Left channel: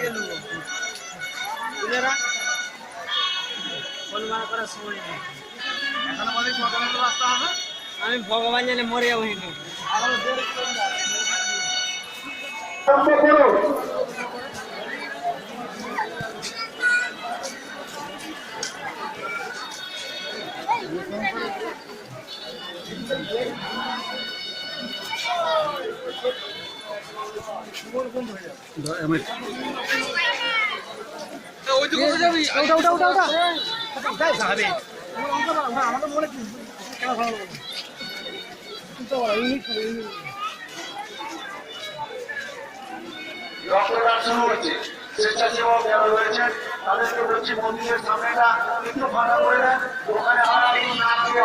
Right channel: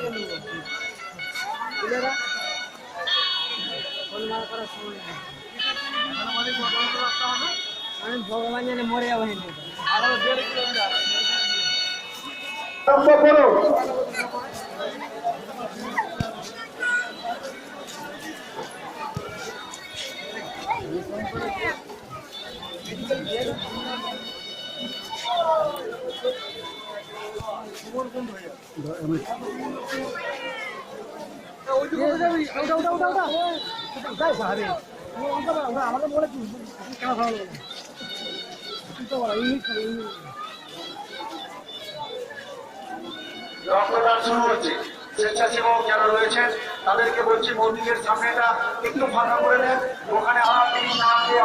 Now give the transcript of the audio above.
থেকে নেবো তুলেরা ফোন মারা করার সময় নেই আমি ভগবান জানে মরে যাবো কিন্তু আরো 1.5 কিলোমিটার আমাকে মনে কেন ভালো রক্তদান শুরু হচ্ছে। স্বেচ্ছাসেবক যারা রয়েছেন তাদেরকে বলছি মন্দিরের সামনেটা একটু ফাঁকা করে দেন, ওখানে আর নাম দিয়ে